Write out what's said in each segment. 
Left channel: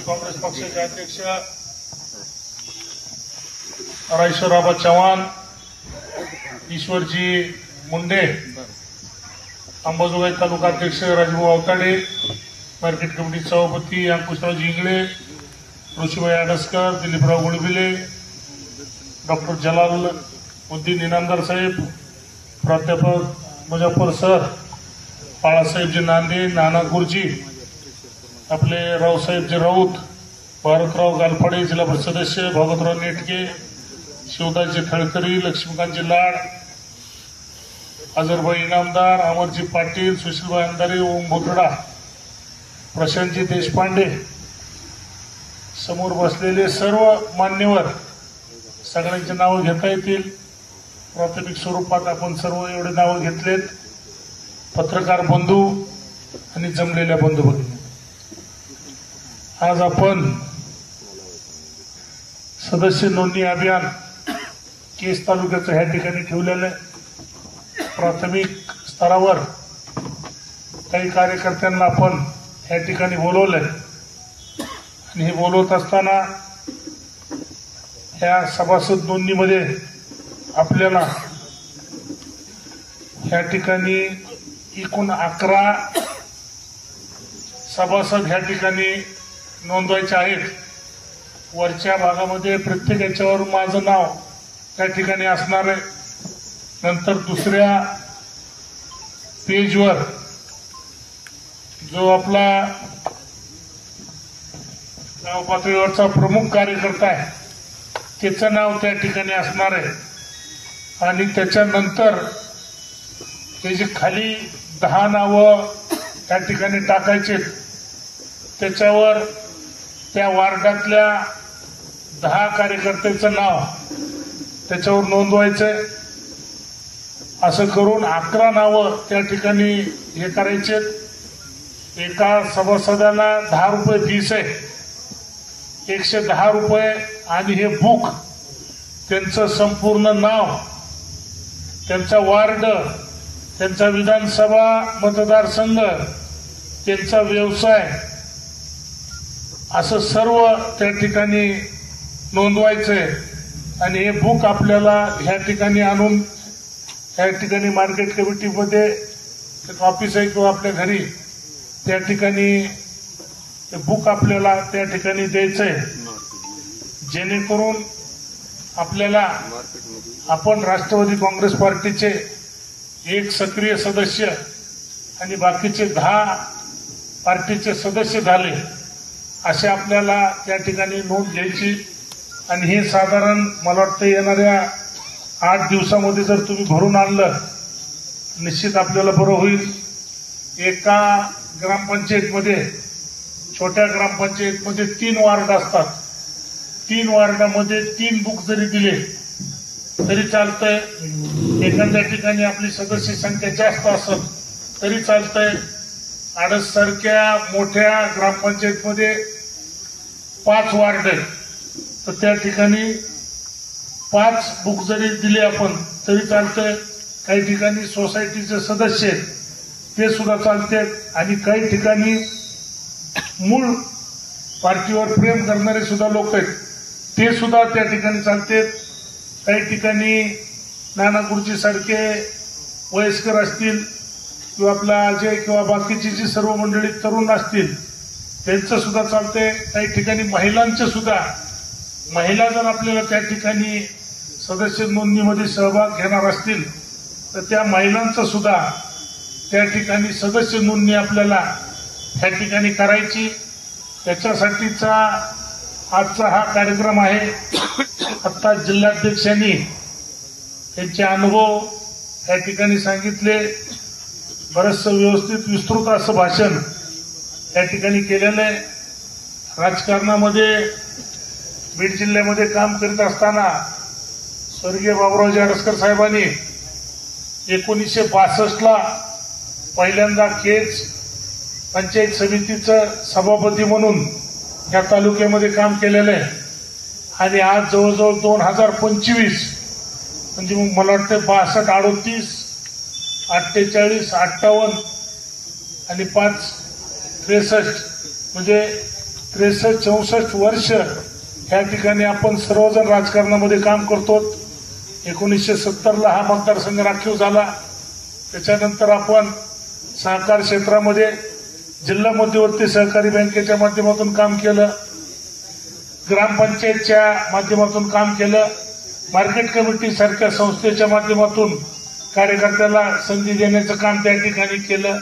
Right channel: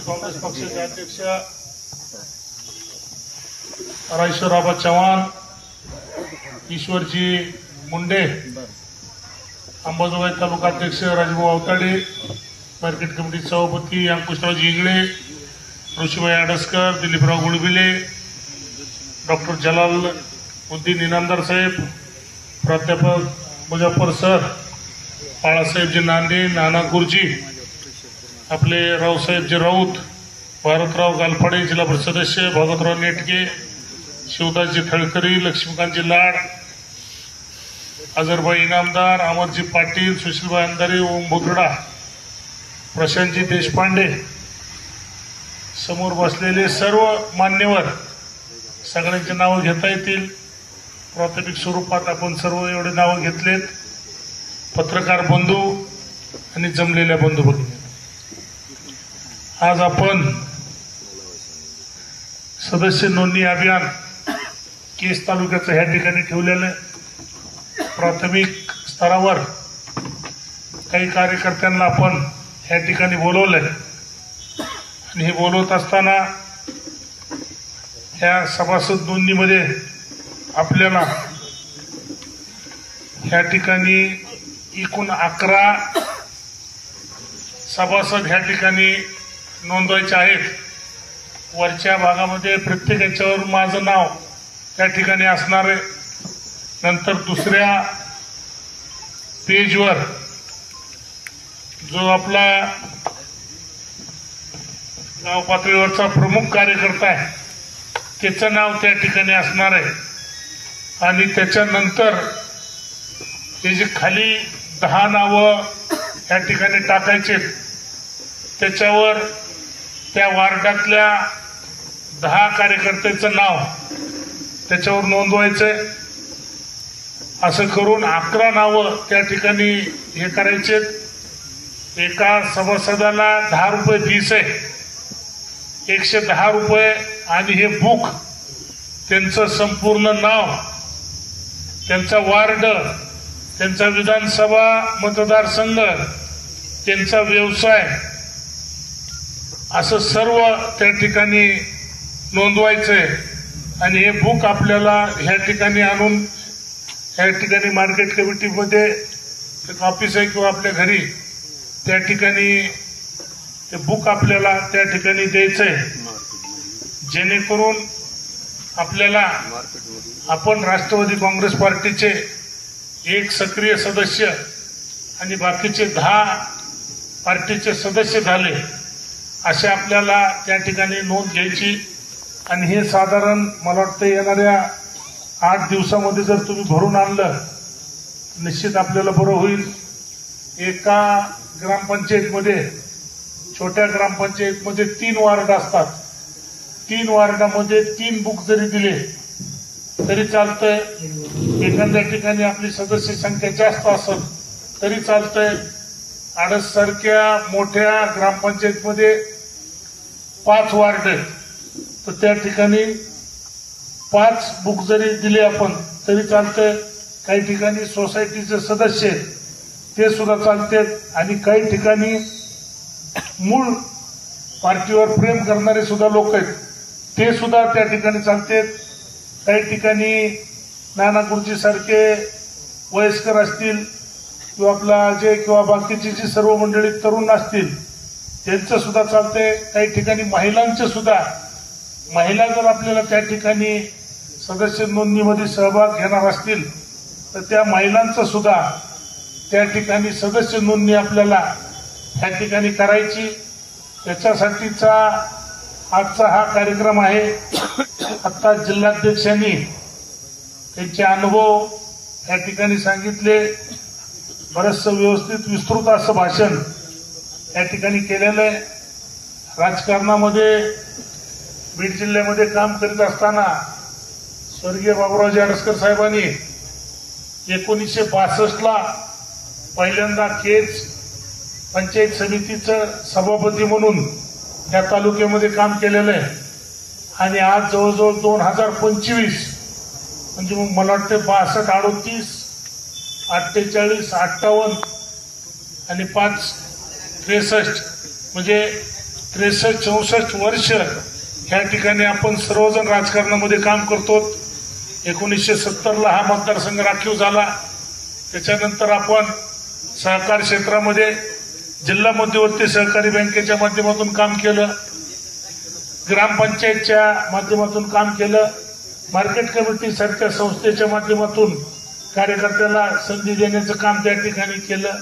राष्ट्रवादी काँग्रेस पक्षाचे अध्यक्ष रायश्वरराव चव्हाण, ईश्वरजी मुंडे, अंबाजोगाई तालुका अध्यक्ष राजभाऊ अवताडे, मार्केट कमिटी सभापती अंकुशरावजी इंगळे, ऋषीभाई आडसकर, दिलीपराव गुळबिले, डॉक्टर जलालुद्दीन इनामदार साहेब, प्राध्यापक मुजफ्फर सर, बाळासाहेबजी नांदे, नाना गुरुजी, आपले रावसाहेबजी राऊत, भारतराव गालफाडे जिल्हा परिषद सदस्य, भागवतराव नेटके, शिवदासजी थळकरी, लक्ष्मीकांतजी लाड, अजरभाई इनामदार, अमरजी पाटील, सुशीलभाई अंधारे, ओम भोगडा, प्रशांतजी देशपांडे, समोर बसलेले सर्व मान्यवर, सगळ्यांची नावं घेता येतील. प्राथमिक स्वरूपात आपण सर्व एवढे नावं घेतलेत. पत्रकार बंधू आणि जमलेल्या बंधू भगिनी, आज आपण सदस्य नोंदणी अभियान केस तालुक्याचं ह्या ठिकाणी ठेवलेलं. प्राथमिक स्तरावर काही कार्यकर्त्यांना आपण ह्या ठिकाणी बोलवलंय आणि हे बोलवत असताना ह्या सभासद नोंदणीमध्ये आपल्याला ह्या ठिकाणी एकूण 11 सभासद ह्या ठिकाणी नोंदवायचे आहेत. वरच्या भागामध्ये प्रत्येक याच्यावर माझं नाव त्या ठिकाणी असणार आहे. नंतर दुसऱ्या पेजवर जो आपला गाव पातळीवरचा प्रमुख कार्यकर्ता आहे त्याचं नाव त्या ठिकाणी असणार आहे. आणि त्याच्यानंतर हे जे खाली 10 नावं त्या ठिकाणी टाकायचे, त्याच्यावर त्या वार्डातल्या 10 कार्यकर्त्याचं नाव त्याच्यावर नोंदवायचंय. असं करून 11 नावं त्या ठिकाणी हे करायचे. एका सभासदाला 10 रुपये फीस आहे, 110 रुपये. आणि हे बुक, त्यांचं संपूर्ण नाव, त्यांचा वार्ड, त्यांचा विधानसभा मतदारसंघ, त्यांचा व्यवसाय, असं सर्व त्या ठिकाणी नोंदवायचंय. आणि हे बुक आपल्याला ह्या ठिकाणी आणून ह्या ठिकाणी मार्केट कमिटीमध्ये एक ऑफिस आहे किंवा आपल्या घरी त्या ठिकाणी ते बुक आपल्याला त्या ठिकाणी द्यायचंय, जेणेकरून आपल्याला आपण राष्ट्रवादी काँग्रेस पार्टीचे एक सक्रिय सदस्य आणि बाकीचे 10 पार्टीचे सदस्य झाले असे आपल्याला त्या ठिकाणी नोंद घ्यायची. आणि हे साधारण मला वाटतं येणाऱ्या 8 दिवसामध्ये जर तुम्ही भरून आणलं निश्चित आपल्याला बरं होईल. एका ग्रामपंचायतमध्ये, छोट्या ग्रामपंचायतमध्ये 3 वार्ड असतात. 3 वार्डामध्ये 3 बुक जरी दिले तरी चालतंय. एखाद्या ठिकाणी आपली सदस्य संख्या जास्त असेल तरी चालतंय. आडससारख्या मोठ्या ग्रामपंचायतमध्ये 5 वार्ड आहेत, तर त्या ठिकाणी 5 बुक जरी दिले आपण तरी चालतंय. काही ठिकाणी सोसायटीचे सदस्य आहेत ते सुद्धा चालतात. आणि काही ठिकाणी मूळ पार्टीवर प्रेम करणारे सुद्धा लोक आहेत ते सुद्धा त्या ठिकाणी चालतात. काही ठिकाणी नाना गुरुजी सारखे वयस्कर असतील किंवा आपला अजय किंवा बाकीची जी सर्व मंडळी तरुण असतील त्यांचं सुद्धा चालतंय. काही ठिकाणी महिलांचे सुद्धा, महिला जर आपल्याला त्या ठिकाणी सदस्य नोंदणीमध्ये सहभाग घेणार असतील तर त्या महिलांचं सुद्धा त्या ठिकाणी सदस्य नोंदणी आपल्याला त्या ठिकाणी करायची. त्याच्यासाठीचा आजचा हा कार्यक्रम आहे. आता जिल्हाध्यक्षांनी त्यांचे अनुभव त्या ठिकाणी सांगितले. बरंचसं व्यवस्थित विस्तृत असं भाषण त्या ठिकाणी केलेलं आहे. राजकारणामध्ये बीड जिल्ह्यामध्ये काम करीत असताना स्वर्गीय बाबुरावजी आडसकर साहेबांनी 1962ला पहिल्यांदा केज पंचायत समितीचं सभापती म्हणून या तालुक्यामध्ये काम केलेलं आहे. आणि आज जवळजवळ 2025 म्हणजे मग मला वाटतं 62, 38, 48, 58 आणि 5, 63 म्हणजे 63-64 वर्ष ह्या ठिकाणी आपण सर्वजण राजकारणामध्ये काम करतो. 1970ला हा मतदारसंघ राखीव झाला. त्याच्यानंतर आपण सहकार क्षेत्रामध्ये जिल्हा मध्यवर्ती सहकारी बँकेच्या माध्यमातून काम केलं, ग्रामपंचायतच्या माध्यमातून काम केलं, मार्केट कमिटी सारख्या संस्थेच्या माध्यमातून कार्यकर्त्याला संधी देण्याचं काम त्या ठिकाणी केलं,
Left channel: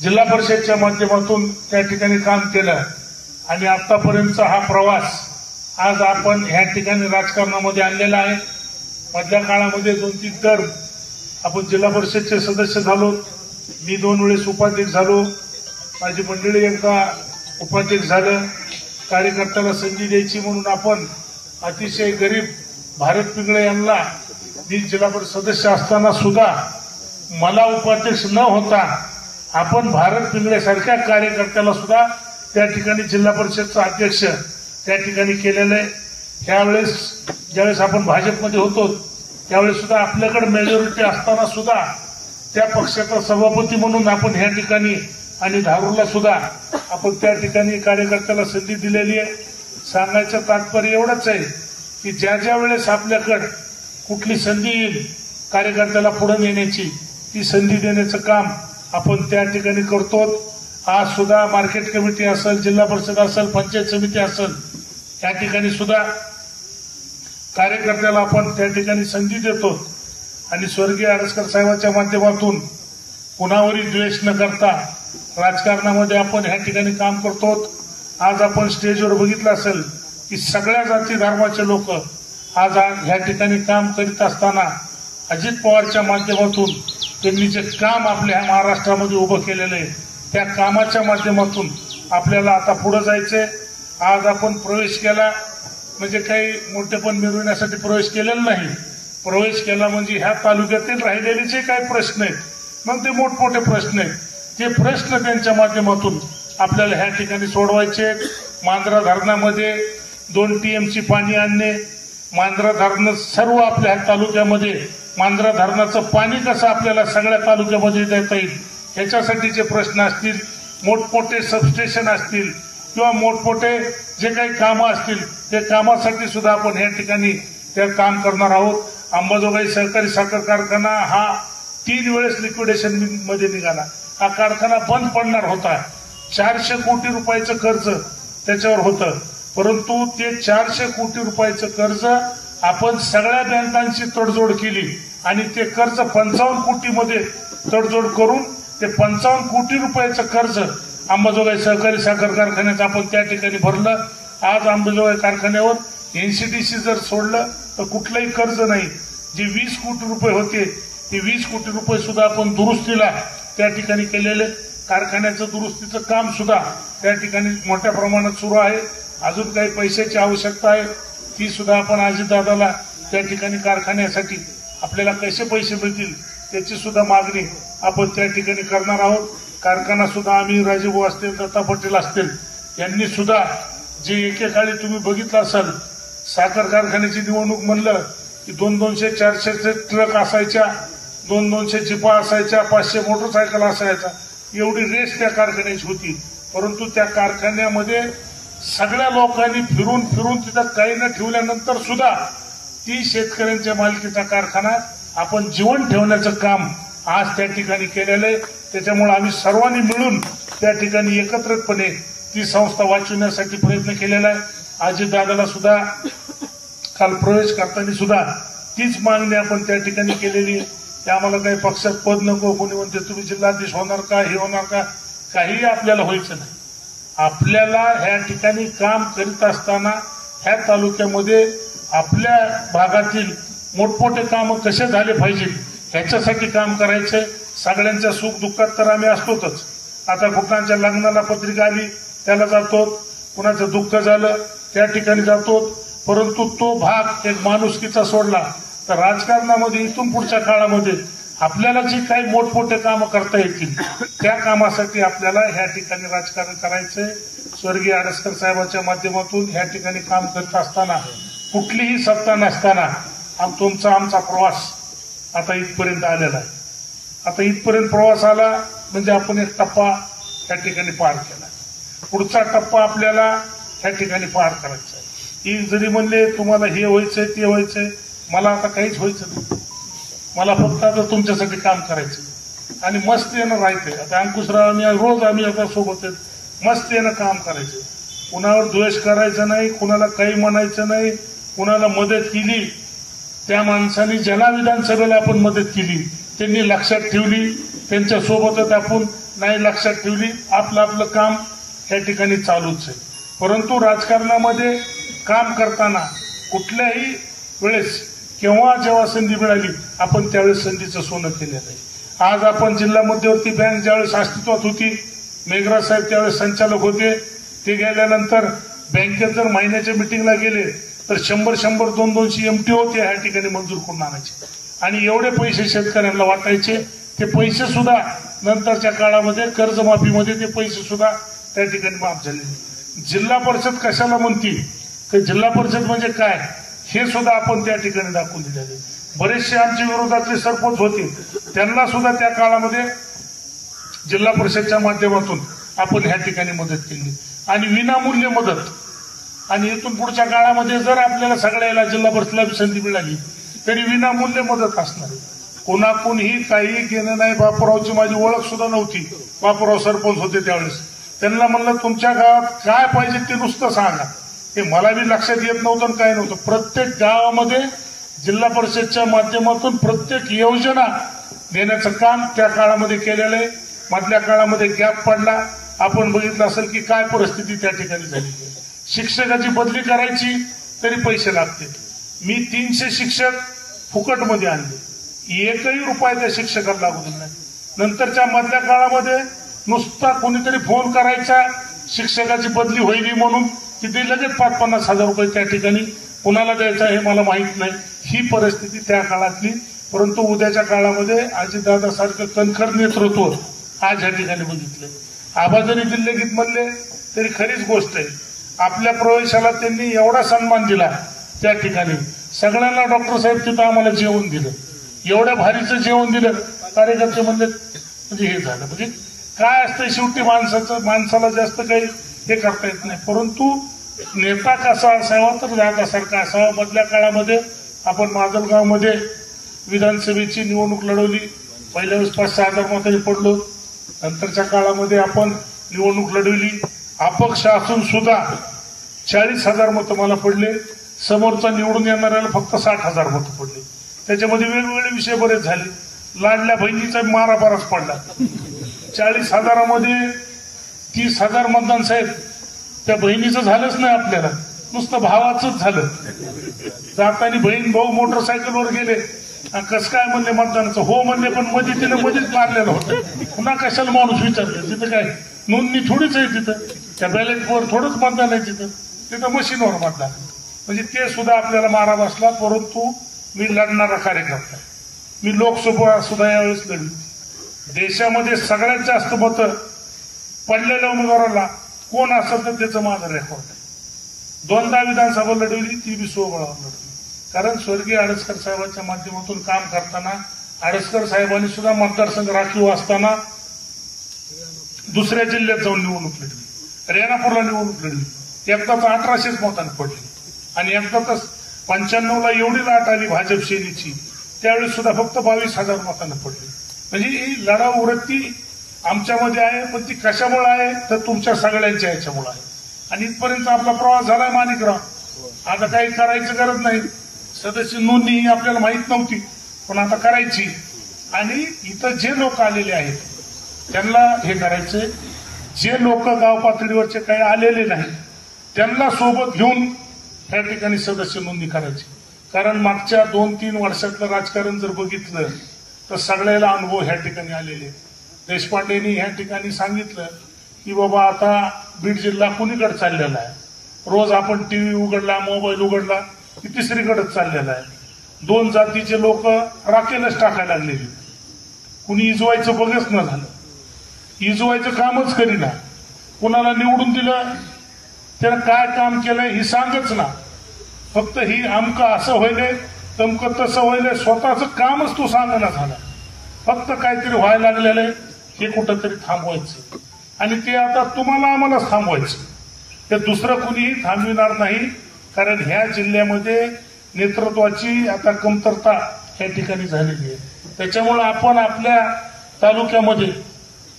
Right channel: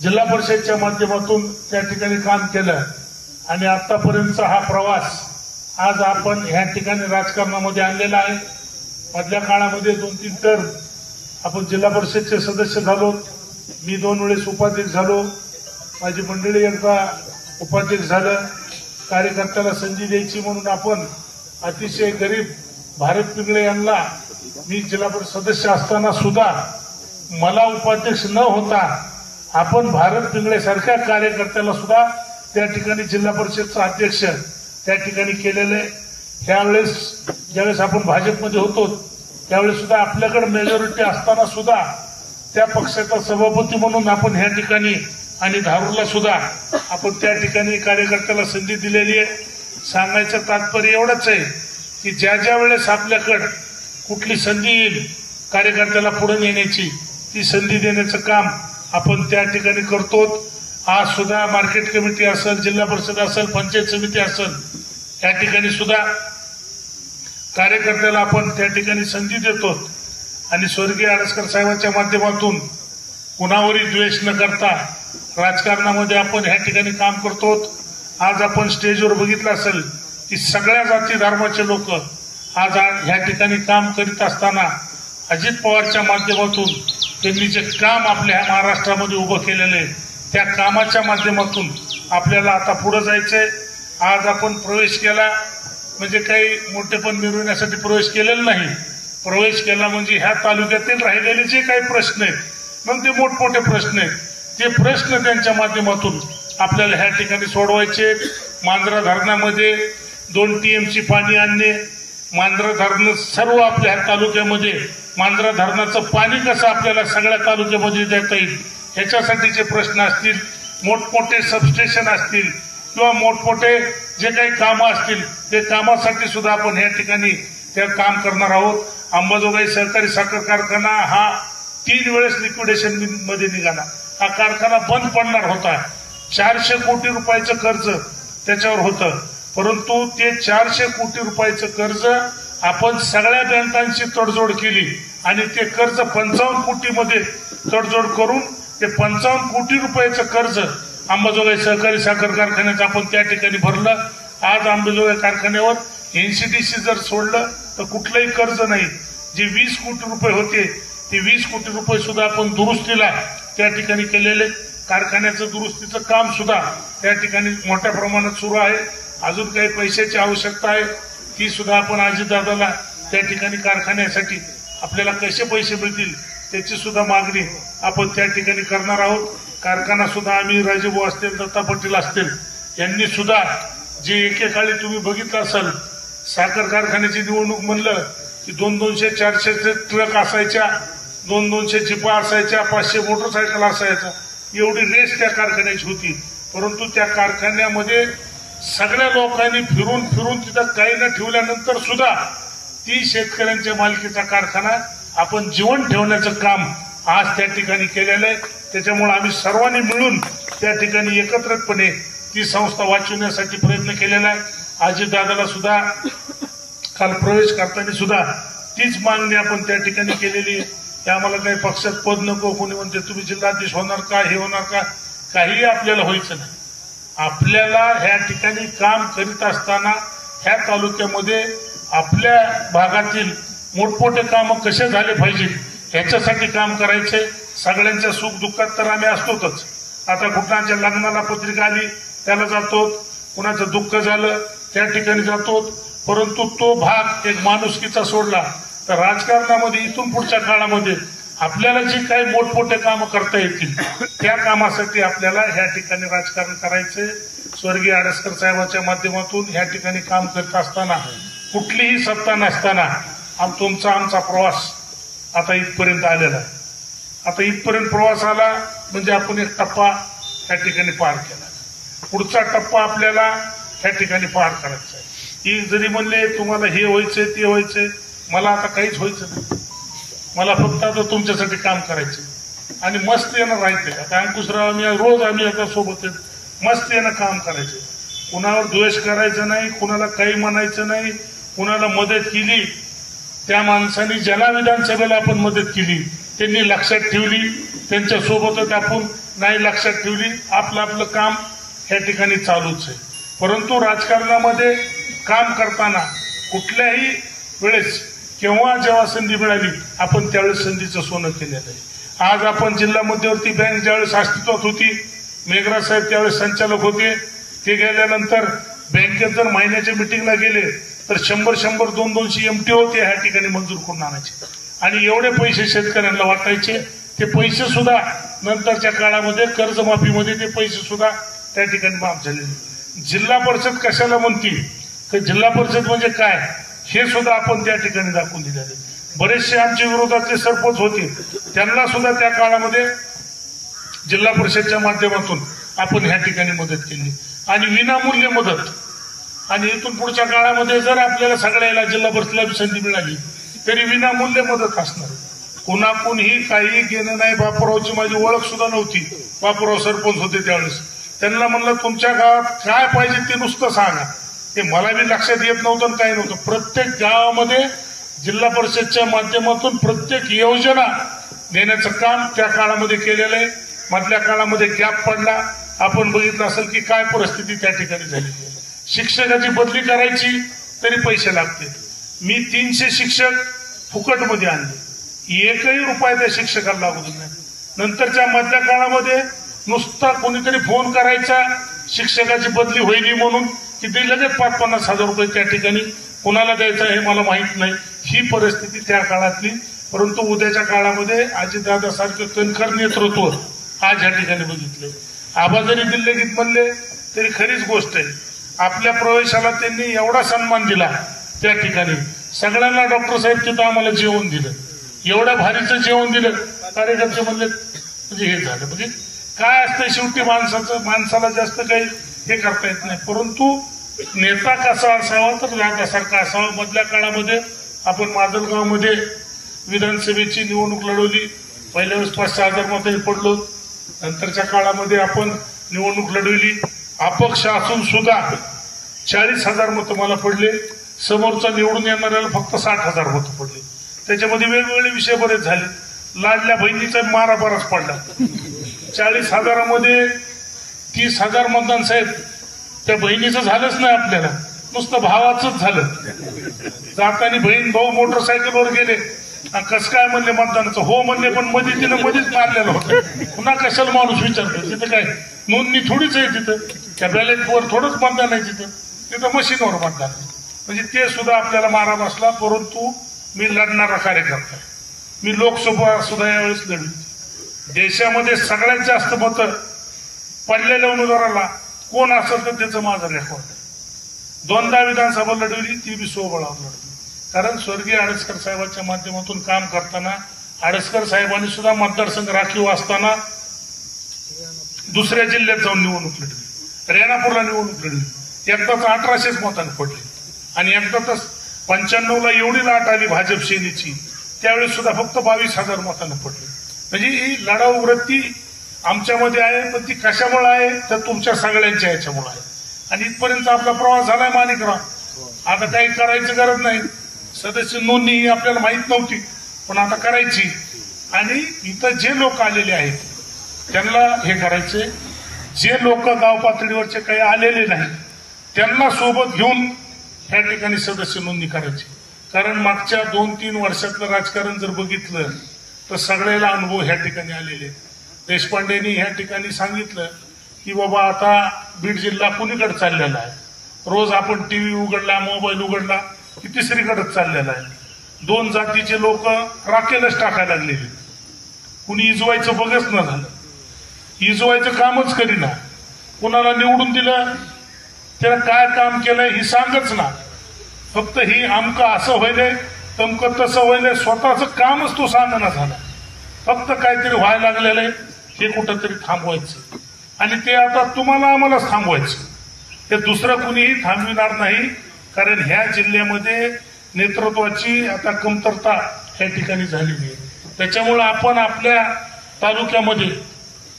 जिल्हा परिषदच्या माध्यमातून त्या ठिकाणी काम केलं आणि आतापर्यंतचा हा प्रवास आज आपण ह्या ठिकाणी राजकारणामध्ये आणलेला आहे. मधल्या काळामध्ये 2-3 टर्म आपण जिल्हा परिषदचे सदस्य झालो. मी 2 वेळेस उपाध्यक्ष झालो. माझी मंडळी एकदा उपाध्यक्ष झालं. कार्यकर्त्याला संधी द्यायची म्हणून आपण अतिशय गरीब भारत पिंगळे यांना मी जिल्हा परिषद सदस्य असताना सुद्धा मला उपाध्यक्ष न होता आपण भारत पिंगळे सारख्या कार्यकर्त्याला सुद्धा त्या ठिकाणी जिल्हा परिषदचा अध्यक्ष त्या ठिकाणी केलेलं आहे. त्यावेळेस ज्यावेळेस आपण भाजपमध्ये होतो त्यावेळेस सुद्धा आपल्याकडे मेजॉरिटी असताना सुद्धा त्या पक्षाचा सभापती म्हणून आपण ह्या ठिकाणी आणि धारूरला सुद्धा आपण त्या ठिकाणी कार्यकर्त्याला संधी दिलेली आहे. सांगायचं तात्पर्य एवढंच आहे की ज्या ज्या वेळेस आपल्याकडे कुठली संधी येईल कार्यकर्त्याला पुढे नेण्याची, ती संधी देण्याचं काम आपण त्या ठिकाणी करतो. आज सुद्धा मार्केट कमिटी असेल, जिल्हा परिषद असेल, पंचायत समिती असेल, त्या ठिकाणी सुद्धा कार्यकर्त्याला आपण त्या ठिकाणी संधी देतो आणि स्वर्गीय आडसकर साहेबांच्या माध्यमातून कुणावरही द्वेष न करता राजकारणामध्ये आपण ह्या ठिकाणी काम करतो. आज आपण स्टेजवर बघितलं असेल की सगळ्या जाती धर्माचे लोक आज ह्या ठिकाणी काम करीत असताना अजित पवारच्या माध्यमातून त्यांनी जे काम आपल्या महाराष्ट्रामध्ये उभं केलेलं आहे त्या कामाच्या माध्यमातून आपल्याला आता पुढे जायचंय. आज आपण प्रवेश केला म्हणजे काही मोठेपण मिळवण्यासाठी प्रवेश केलेला नाही. प्रवेश केला म्हणजे ह्या तालुक्यातील राहिलेले जे काही प्रश्न आहेत मग ते मोठमोठे प्रश्न आहेत, ते प्रश्न त्यांच्या माध्यमातून आपल्याला ह्या ठिकाणी सोडवायचे. मांजरा धरणामध्ये 2 TMC पाणी आणणे, मांजरा धरण सर्व आपल्या तालुक्यामध्ये मांजरा धरणाचं पाणी कसं आपल्याला सगळ्या तालुक्यामध्ये देता येईल ह्याच्यासाठीचे प्रश्न असतील, मोठमोठे सबस्टेशन असतील किंवा मोठमोठे जे काही कामं असतील ते कामासाठी सुद्धा आपण या ठिकाणी त्या काम करणार आहोत. अंबाजोगाई सहकारी साखर कारखाना हा 3 वेळेस लिक्विडेशन मध्ये निघाला. हा कारखाना बंद पडणार होता. 400 कोटी रुपयाचं कर्ज त्याच्यावर होतं, परंतु ते 400 कोटी रुपयाचं कर्ज आपण सगळ्या बँकांची तडजोड केली आणि ते कर्ज 55 कोटीमध्ये तडजोड करून ते 55 कोटी रुपयाचं कर्ज अंबाजोगाई सहकारी साखर कारखान्याचं आपण त्या ठिकाणी भरलं. आज अंबाजोगाई कारखान्यावर NCDC जर सोडलं तर कुठलंही कर्ज नाही. जे 20 कोटी रुपये होते ते 20 कोटी रुपये सुद्धा आपण दुरुस्तीला त्या ठिकाणी केलेले. कारखान्याचं दुरुस्तीचं काम सुद्धा त्या ठिकाणी मोठ्या प्रमाणात सुरू आहे. अजून काही पैशाची आवश्यकता आहे ती सुद्धा आपण अजितदादाला त्या ठिकाणी कारखान्यासाठी आपल्याला कसे पैसे मिळतील त्याची सुद्धा मागणी आपण त्या ठिकाणी करणार आहोत. कारखाना सुद्धा आम्ही राजेभाऊ असतील, दत्ता पाटील असतील यांनी सुद्धा जे एकेकाळी तुम्ही बघितलं असाल साखर कारखान्याची निवडणूक म्हणलं की 200-400 ट्रक असायच्या, 200 जिपा असायच्या, 500 मोटरसायकल असायच्या, एवढी रेस त्या कारखान्याची होती. परंतु त्या कारखान्यामध्ये सगळ्या लोकांनी फिरून फिरून तिथं काही न ठेवल्यानंतर सुद्धा ती शेतकऱ्यांच्या मालकीचा कारखाना आपण जीवन ठेवण्याचं काम आज त्या ठिकाणी केलेलं आहे. त्याच्यामुळे आम्ही सर्वांनी मिळून त्या ठिकाणी एकत्रितपणे ती संस्था वाचवण्यासाठी प्रयत्न केलेला आहे. अजितदादाला सुद्धा काल प्रवेश करताना सुद्धा तीच मागणी आपण त्या ठिकाणी केलेली. आम्हाला काही पक्षात पद नको, कोणी म्हणते तुम्ही जिल्हाधीश होणार का, हे होणार का, काहीही आपल्याला व्हायचं नाही. आपल्याला ह्या ठिकाणी काम करीत असताना ह्या तालुक्यामध्ये आपल्या भागातील मोठमोठे काम कसे झाले पाहिजे ह्याच्यासाठी काम करायचंय. सगळ्यांच्या सुख दुःखात तर आम्ही असतोच. आता कुणाच्या लग्नाला पत्रिका आली त्याला जातो, कुणाचं दुःख झालं त्या ठिकाणी जातो, परंतु तो भाग एक माणुसकीचा सोडला तर राजकारणामध्ये इथून पुढच्या काळामध्ये आपल्याला जे काही मोठमोठे कामं करता येतील त्या कामासाठी आपल्याला ह्या ठिकाणी राजकारण करायचंय. स्वर्गीय आडसकर साहेबांच्या माध्यमातून ह्या ठिकाणी काम करत असताना कुठलीही सत्ता नसताना आमचा प्रवास आता इथपर्यंत आलेला आहे. आता इथपर्यंत प्रवास आला म्हणजे आपण एक टप्पा त्या ठिकाणी पार केला. पुढचा टप्पा आपल्याला त्या ठिकाणी पार करायचा आहे. ही जरी म्हणले तुम्हाला हे व्हायचंय ते व्हायचंय, मला आता काहीच व्हायचं नाही. मला फक्त आता तुमच्यासाठी काम करायचं आणि मस्त येणं राहायचंय. आता अंकुशराव रोज आम्ही आता सोबत मस्त येणं काम करायचं. कुणावर द्वेष करायचं नाही, कुणाला काही म्हणायचं नाही. कुणाला मदत केली त्या माणसाने, ज्याला विधानसभेला आपण मदत केली त्यांनी लक्षात ठेवली, त्यांच्या सोबतच आपण नाही लक्षात ठेवली. आपलं आपलं काम या ठिकाणी चालूच आहे. परंतु राजकारणामध्ये काम करताना कुठल्याही वेळेस केव्हा जेव्हा संधी मिळाली आपण त्यावेळेस संधीचं सोनं केलेलं आहे. आज आपण जिल्हा मध्यवर्ती बँक ज्यावेळेस अस्तित्वात होती, मेघराज साहेब त्यावेळेस संचालक होते. ते गेल्यानंतर बँकेत जर महिन्याच्या मिटिंगला गेले तर 100 200 MTO ते ह्या ठिकाणी मंजूर करून आणायचे आणि एवढे पैसे शेतकऱ्यांना वाटायचे. ते पैसे सुद्धा नंतरच्या काळामध्ये कर्जमाफीमध्ये ते पैसे सुद्धा त्या ठिकाणी माफ झाले. जिल्हा परिषद कशाला म्हणतील तर जिल्हा परिषद म्हणजे काय हे सुद्धा आपण त्या ठिकाणी दाखवून दिलेले. बरेचसे आमच्या विरोधातले सरपंच होते, त्यांना सुद्धा त्या काळामध्ये जिल्हा परिषदच्या माध्यमातून आपण ह्या ठिकाणी मदत केली आणि विनामूल्य मदत. आणि इथून पुढच्या काळामध्ये जर आपल्याला सगळ्याला जिल्हा परिषदेला संधी मिळाली तरी विनामूल्य मदत असणार. कुणाकुणही काही घेणं नाही. बापूरावची माझी ओळख सुद्धा नव्हती. बापूराव सरपंच होते त्यावेळेस. त्यांना म्हणलं तुमच्या गावात काय पाहिजे ते नुसतं सांगा. ते मला बी लक्षात येत नव्हतं आणि काय नव्हतं. प्रत्येक गावामध्ये जिल्हा परिषदच्या माध्यमातून प्रत्येक योजना देण्याचं काम त्या काळामध्ये केलेलं आहे. मधल्या काळामध्ये गॅप पडला. आपण बघितलं असेल की काय परिस्थिती त्या ठिकाणी झालेली आहे. शिक्षकाची बदली करायची तरी पैसे लागते. मी 300 शिक्षक फुकटमध्ये आणले, एकही रुपया त्या शिक्षकाला लागू दिला नाही. नंतरच्या मधल्या काळामध्ये नुसता कोणीतरी फोन करायचा शिक्षकाची बदली होईल म्हणून की ते लगेच 50-50 हजार रुपये त्या ठिकाणी कोणाला द्यायचा हे मला माहित नाही. ही परिस्थिती त्या काळातली. परंतु उद्याच्या काळामध्ये अजितदादासारखं कणखर नेतृत्व आज या ठिकाणी बघितले. आबा जरी दिल्लीत म्हणले तरी खरीच गोष्ट आहे. आपल्या प्रवेशाला त्यांनी एवढा सन्मान दिला त्या ठिकाणी. सगळ्यांना डॉक्टर साहेब तिथं आम्हाला जेवण दिलं, एवढ्या भारीचं जेवण दिलं. कार्यकर्ते म्हणले म्हणजे हे झालं. म्हणजे काय असतं शेवटी माणसाला जास्त काही हे करता येत नाही. परंतु नेता कसा असावा तर दादासारखा असावा. मधल्या काळामध्ये आपण माजलगावमध्ये विधानसभेची निवडणूक लढवली. पहिल्या वेळेस 5-6 हजार मतांनी पडलो. नंतरच्या काळामध्ये आपण निवडणूक लढवली. अपक्ष असून सुद्धा 40,000 मतं मला पडले. समोरचा निवडून येणाऱ्याला फक्त 60,000 मतं पडले. त्याच्यामध्ये वेगवेगळे विषय बरेच झाले. लाडल्या बहिणीचा मारा बराच पडला. 40,000मध्ये 30,000 मतदान साहेब त्या बहिणीचं झालंच नाही. आपल्याला नुसतं भावाचंच झालं. जाताना बहीण भाऊ मोटरसायकलवर गेले आणि कसं काय म्हणले मतदानाचं, हो म्हणले पण मध्ये तिनं मध्येच मारलेलं होतं. पुन्हा कशाला माणूस विचारतो. तिथं काय नोंदणी थोडीच आहे. तिथं त्या बॅलेटवर थोडंच मतदान आहे. तिथं मशीनवर मतदान. म्हणजे ते सुद्धा आपल्याला मारा बसला. परंतु मी लढणारा कार्यकर्ता. मी लोकसभा सुद्धा यावेळेस लढली. देशामध्ये सगळ्यात जास्त मतं पडलेल्या उमेदवाराला कोण असेल तर त्याचं माझं रेकॉर्ड आहे. 2दा विधानसभा लढवली, ती बी सोबळावर लढली. कारण स्वर्गीय आडसकर साहेबांच्या माध्यमातून काम करताना आडसकर साहेबांनी सुद्धा मतदारसंघ राखीव असताना दुसऱ्या जिल्ह्यात जाऊन निवडणूक लढली. रेणापूरला निवडणूक लढली. एकदाच 1800 मतांनी पडले आणि एकदाच 95ला एवढी लाट आली भाजप सेनेची, त्यावेळेस सुद्धा फक्त 22,000 मतांनी पडले. म्हणजे ही लढाऊ वृत्ती आमच्यामध्ये आहे. पण ती कशामुळे आहे तर तुमच्या सगळ्यांच्या याच्यामुळे आहे. आणि इथपर्यंत आपला प्रवास झालाय माणिकराव. आता काही करायची गरज नाही. सदस्य नोंदणी ही आपल्याला माहित नव्हती पण आता करायची. आणि इथं जे लोक आलेले आहेत त्यांना हे करायचे. जे लोक गाव पातळीवरचे काही आलेले नाही त्यांना सोबत घेऊन या ठिकाणी सदस्य नोंदणी करायची. कारण मागच्या 2-3 वर्षातलं राजकारण जर बघितलं तर सगळ्याला अनुभव ह्या ठिकाणी आलेले. देशपांडेंनी ह्या ठिकाणी सांगितलं की बाबा आता बीड जिल्हा कुणीकडे चाललेला आहे. रोज आपण टीव्ही उघडला, मोबाईल उघडला की तिसरीकडेच चाललेला आहे. 2 जातीचे लोक राखेलच टाकायला लागलेले. कुणी इजवायचं बघच न झालं. इजवायचं कामच करीना. कुणाला निवडून दिलं त्याला काय काम केलंय ही सांगच ना. फक्त ही आमकं असं व्हायलंय, तमकं तसं व्हायलंय. स्वतःचं कामच तो सांगणं झाला. फक्त काहीतरी व्हायला लागलेलं आहे हे कुठंतरी थांबवायचं. आणि ते आता तुम्हाला आम्हालाच थांबवायचं. ते दुसरं कुणीही थांबविणार नाही, कारण ह्या जिल्ह्यामध्ये नेतृत्वाची आता कमतरता या ठिकाणी झालेली आहे. त्याच्यामुळे आपण आपल्या तालुक्यामध्ये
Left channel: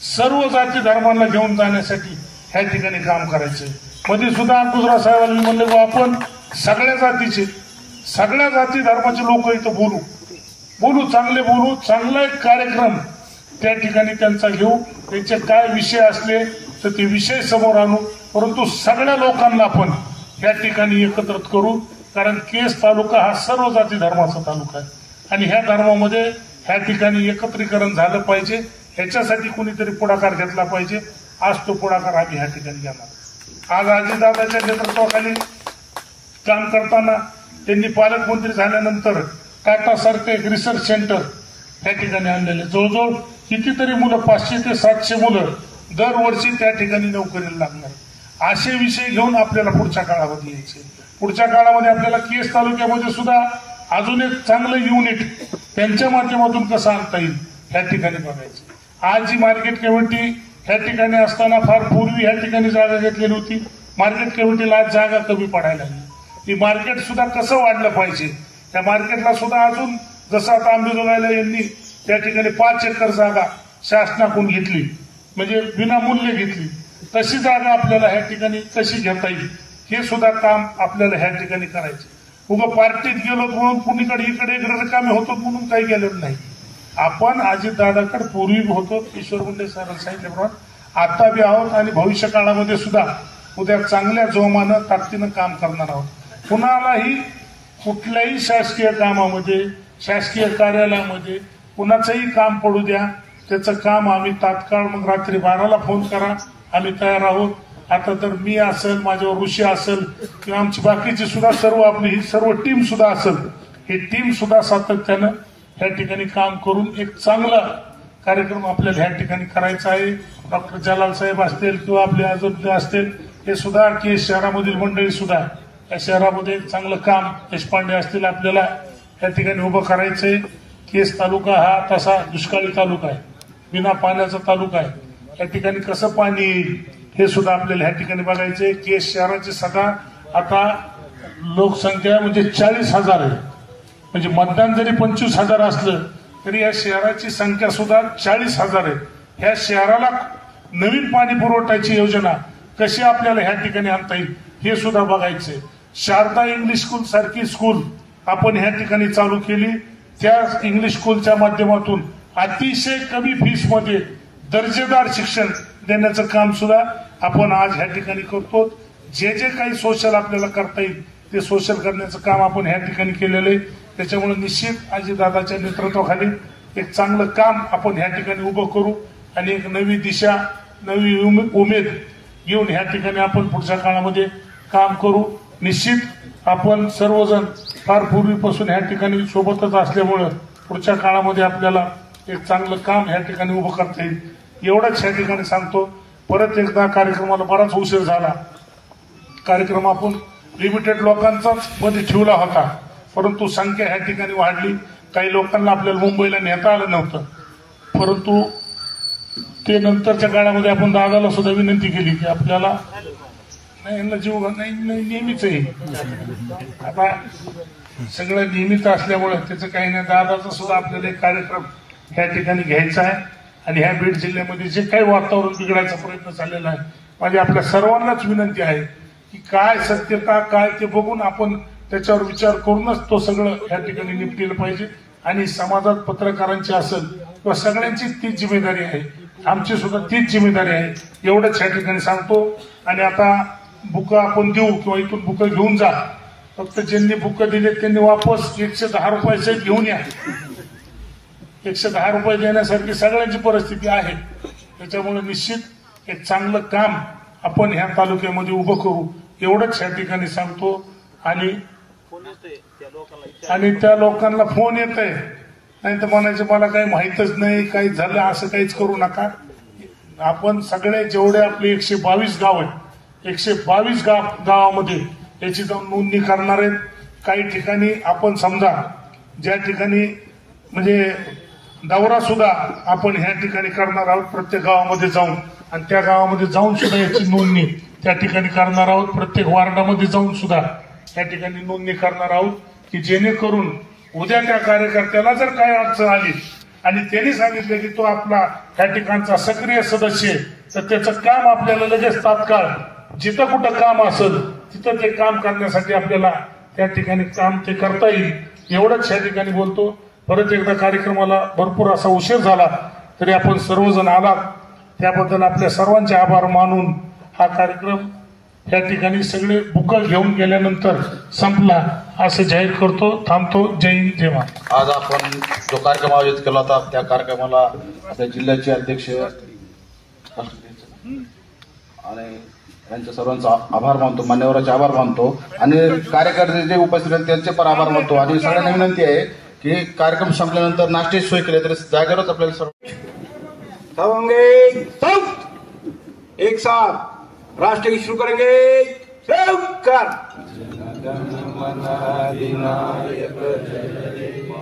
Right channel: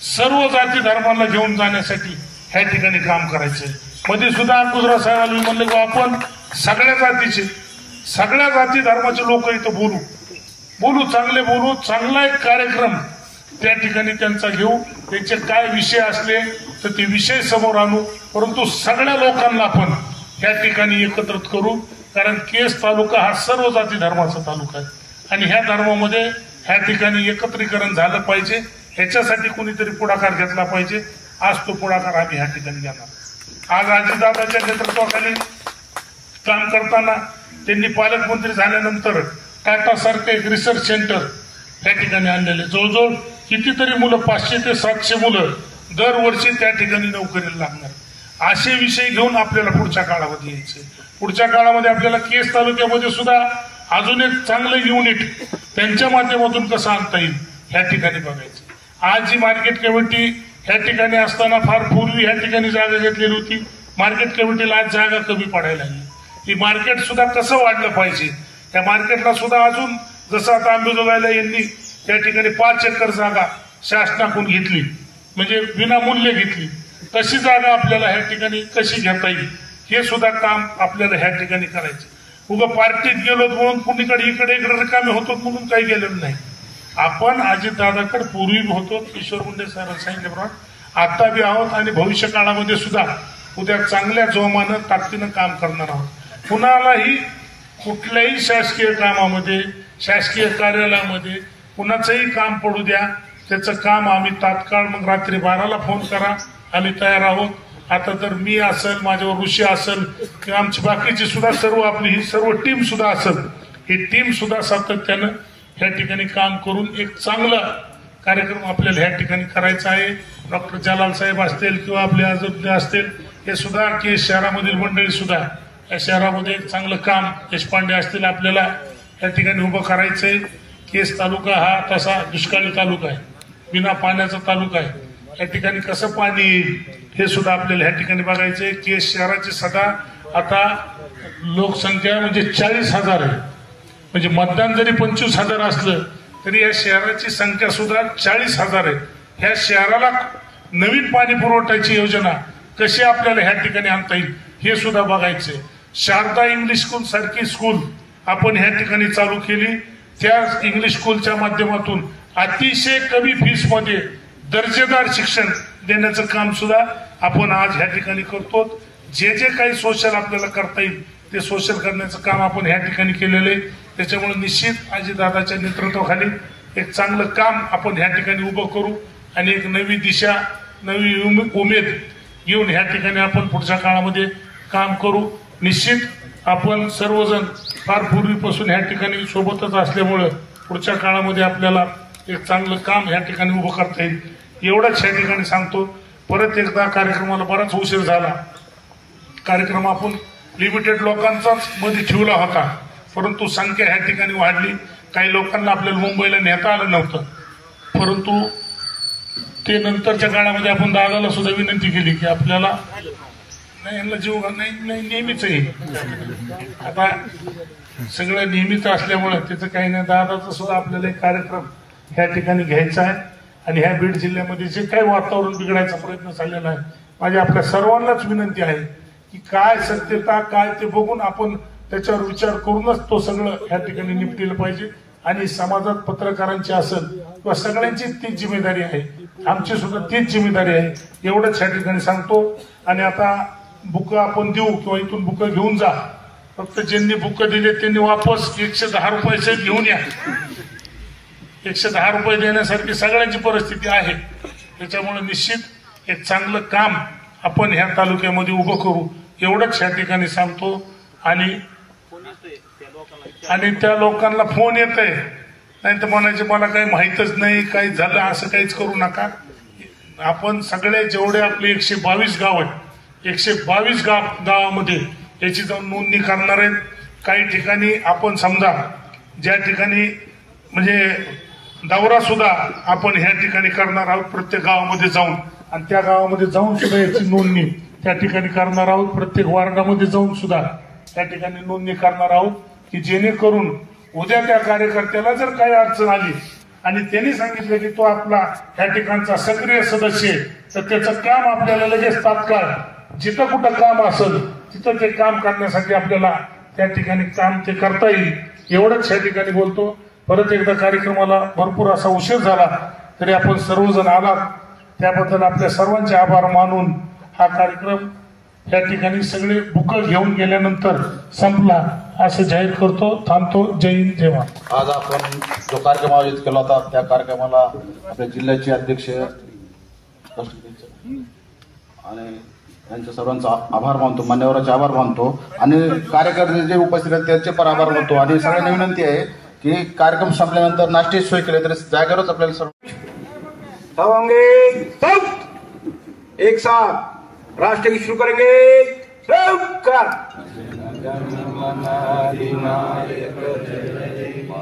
सर्व जाती धर्मांना घेऊन जाण्यासाठी ह्या ठिकाणी काम करायचे. मध्ये सुद्धा गुजरात साहेबांनी म्हणले की आपण सगळ्या जाती धर्माचे लोक इथं बोलू, चांगले बोलू, चांगला एक कार्यक्रम त्या ठिकाणी त्यांचा घेऊ. त्यांचे काय विषय असले तर ते विषय समोर आणू, परंतु सगळ्या लोकांना आपण या ठिकाणी एकत्रित करू. कारण केस तालुका हा सर्व जाती धर्माचा तालुका आहे आणि ह्या धर्मामध्ये ह्या ठिकाणी एकत्रीकरण झालं पाहिजे. ह्याच्यासाठी कुणीतरी पुढाकार घेतला पाहिजे. आज तो पुढाकार आम्ही ह्या ठिकाणी घेणार. आज अजितदादाच्या नेतृत्वाखाली काम करताना त्यांनी पालकमंत्री झाल्यानंतर टाटा सारखं एक रिसर्च सेंटर त्या ठिकाणी आणलेले. जवळजवळ कितीतरी मुलं, 500 ते 700 मुलं दरवर्षी त्या ठिकाणी नोकरीला लागणार. असे विषय घेऊन आपल्याला पुढच्या काळामध्ये यायचे. पुढच्या काळामध्ये आपल्याला केस तालुक्यामध्ये सुद्धा अजून एक चांगलं युनिट त्यांच्या माध्यमातून कसं आणता येईल ह्या ठिकाणी बघायचं. आज जी मार्केट कमिटी ह्या ठिकाणी असताना फार पूर्वी ह्या ठिकाणी जागा घेतलेली होती. मार्केट कमिटीला आज जागा कमी पडायला लागली. ही मार्केट सुद्धा कसं वाढलं पाहिजे, त्या मार्केटला सुद्धा अजून जसं आता अंबेजोगाईला यांनी त्या ठिकाणी 5 एकर जागा शासनाकडून घेतली, म्हणजे विनामूल्य घेतली, तशी जागा आपल्याला ह्या ठिकाणी कशी घेता येईल हे सुद्धा काम आपल्याला ह्या ठिकाणी करायचं. उगं पार्टीत गेलो म्हणून कुणीकडे इकडे रिकामे होतो म्हणून काही गेलेलं नाही. आपण अजितदादाकडे पूर्वी होतो, किशोर मुंडे सरांनी सांगितल्याप्रमाणे आता बी आहोत आणि भविष्य काळामध्ये सुद्धा उद्या चांगल्या जोमानं ताकदीनं काम करणार आहोत. कुणालाही कुठल्याही शासकीय कामामध्ये, शासकीय कार्यालयामध्ये कुणाचंही काम पडू द्या, त्याचं काम आम्ही तात्काळ, मग रात्री 12ला फोन करा, आम्ही तयार आहोत. आता तर मी असेल, माझ्यावर ऋषी असेल किंवा आमची बाकीची सुद्धा सर्व आपली ही सर्व टीम सुद्धा असेल, ही टीम सुद्धा सातत्यानं ह्या ठिकाणी काम करून एक चांगला कार्यक्रम आपल्याला ह्या ठिकाणी करायचा आहे. डॉक्टर जलाल साहेब असतील किंवा आपले आजोबे असतील, हे सुद्धा केस शहरामधील मंडळी सुद्धा या शहरामध्ये एक चांगलं काम, देशपांडे असतील, आपल्याला या ठिकाणी उभं करायचंय. केस तालुका हा तसा दुष्काळी तालुका आहे, बिना पाण्याचा तालुका आहे. या ठिकाणी कसं पाणी येईल हे सुद्धा आपल्याला ह्या ठिकाणी बघायचंय. केस शहराची सदा आता लोकसंख्या म्हणजे 40,000 आहे. म्हणजे मतदान जरी 25,000 असलं तरी या शहराची संख्या सुद्धा 40,000 आहे. ह्या शहराला नवीन पाणी पुरवठ्याची योजना कशी आपल्याला ह्या ठिकाणी आणता येईल हे सुद्धा बघायचंय. शारदा इंग्लिश स्कूल सारखी स्कूल आपण ह्या ठिकाणी चालू केली. त्या इंग्लिश स्कूलच्या माध्यमातून अतिशय कमी फीस मध्ये दर्जेदार शिक्षण देण्याचं काम सुद्धा आपण आज ह्या ठिकाणी करतो. जे जे काही सोशल आपल्याला करता येईल ते सोशल करण्याचं काम आपण ह्या ठिकाणी केलेलं आहे. त्याच्यामुळे निश्चित अजितदादाच्या नेतृत्वाखाली एक चांगलं काम आपण ह्या ठिकाणी उभं करू आणि एक नवी दिशा, नवी उमेद घेऊन ह्या ठिकाणी आपण पुढच्या काळामध्ये काम करू. निश्चित आपण सर्वजण फार पूर्वीपासून ह्या ठिकाणी सोबतच असल्यामुळं पुढच्या काळामध्ये आपल्याला एक चांगलं काम ह्या ठिकाणी उभं करता येईल एवढंच ह्या ठिकाणी सांगतो. परत एकदा कार्यक्रमाला बराच उशीर झाला. कार्यक्रम आपण लिमिटेड लोकांचाच मध्ये ठेवला होता, परंतु संख्या ह्या ठिकाणी वाढली. काही लोकांना आपल्याला मुंबईला नेता आलं नव्हतं, परंतु ते नंतरच्या काळामध्ये आपण दादाला सुद्धा विनंती केली की आपल्याला नाही, यांना जीव नाही नेहमीच आहे. आता सगळं नेहमीच असल्यामुळं त्याचं काही नाही. दादाचा सुद्धा आपल्याला एक कार्यक्रम ह्या ठिकाणी घ्यायचा आहे आणि ह्या बीड जिल्ह्यामध्ये जे काही वातावरण बिघडायचा प्रयत्न चाललेला आहे, माझी आपल्या सर्वांनाच विनंती आहे की काय सत्यता काय ते बघून आपण त्याच्यावर विचार करूनच तो सगळं ह्या ठिकाणी निपटिलं पाहिजे. आणि समाजात पत्रकारांची असेल किंवा सगळ्यांची तीच जिम्मेदारी आहे, आमची सुद्धा तीच जिम्मेदारी आहे एवढंच ह्या ठिकाणी सांगतो. आणि आता बुकं आपण देऊ किंवा इथून बुकं घेऊन जा, फक्त ज्यांनी बुकं दिले त्यांनी वापस 110 रुपयाचे घेऊन या. 110 रुपये देण्यासारखी सगळ्यांची परिस्थिती आहे. त्याच्यामुळे निश्चित एक चांगलं काम आपण ह्या तालुक्यामध्ये उभं करू एवढंच ह्या ठिकाणी सांगतो. आणि त्या लोकांना फोन येत आहे, नाही तर म्हणायचे मला काही माहीतच नाही, काही झालं, असं काहीच करू नका. आपण सगळे जेवढे आपले 122 गाव आहेत, 122 गावामध्ये याची जाऊन नोंदणी करणार आहेत. काही ठिकाणी आपण समजा ज्या ठिकाणी म्हणजे दौरा सुद्धा आपण ह्या ठिकाणी करणार आहोत प्रत्येक गावामध्ये जाऊन, आणि त्या गावामध्ये जाऊन सुद्धा याची नोंदणी त्या ठिकाणी करणार आहोत. प्रत्येक वार्डामध्ये जाऊन सुद्धा त्या ठिकाणी नोंदणी करणार आहोत की जेणेकरून उद्या त्या कार्यकर्त्याला जर काही अडचण आली आणि त्यांनी सांगितले की तो आपला त्या ठिकाणचा सक्रिय सदस्य आहे, तर त्याचं काम आपल्याला लगेच तात्काळ जिथं कुठं काम असेल तिथं ते काम करण्यासाठी आपल्याला त्या ठिकाणी काम ते करता येईल. एवढंच या ठिकाणी बोलतो. परत एकदा कार्यक्रमाला भरपूर असा उशीर झाला तरी आपण सर्वजण आलात त्याबद्दल आपल्या सर्वांचे आभार मानून हा कार्यक्रम या ठिकाणी सगळे बुकं घेऊन गेल्यानंतर संपला असं जाहीर करतो. थांबतो. जय हिंद जय महाराष्ट्र. आज आपण जो कार्यक्रम आयोजित केला होता त्या कार्यक्रमाला आपल्या जिल्ह्याचे अध्यक्ष आणि त्यांच्या सर्वांचा आभार मानतो, मान्यवरांचे आभार मानतो आणि कार्यकर्ते जे उपस्थित आहेत त्यांचे पण आभार मानतो. आणि सगळ्यांना विनंती आहे की कार्यक्रम संपल्यानंतर नाश्त्याची सोय केली तरी जागेवरच आपल्याला सर्व एक साथ राष्ट्रगीत शुरू करेंगे.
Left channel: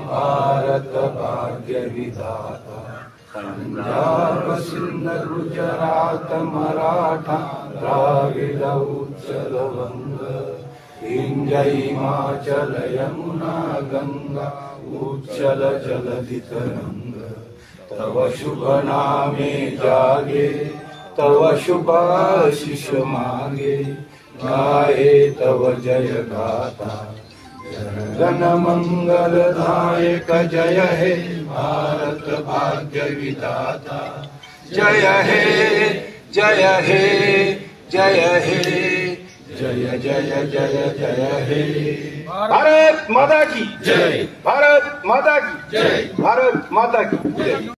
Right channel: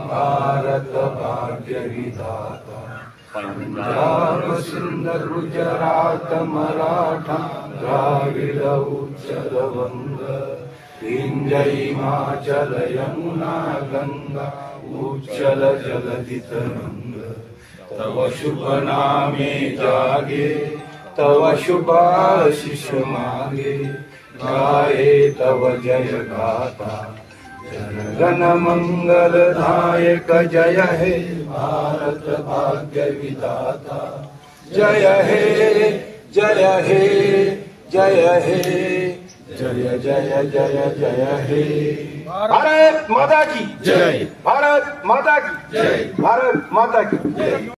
भारत भाग्य विधाता पंजाब सिंध गुजरात मराठा द्राविड उच्चल वंग विंध्य हिमाचल यमुना गंगा उच्चल जलधि तरंग तव शुभ नामे जागे तव शुभ आशीष मागे गाये तव जय गाथा जन मंगलदायक जय हे भारत भाग्य विधाता जय हे जय हे जय हे जय जय जय जय हे. भारत माता की जय. भारत माता की जय. भारत माता की जय.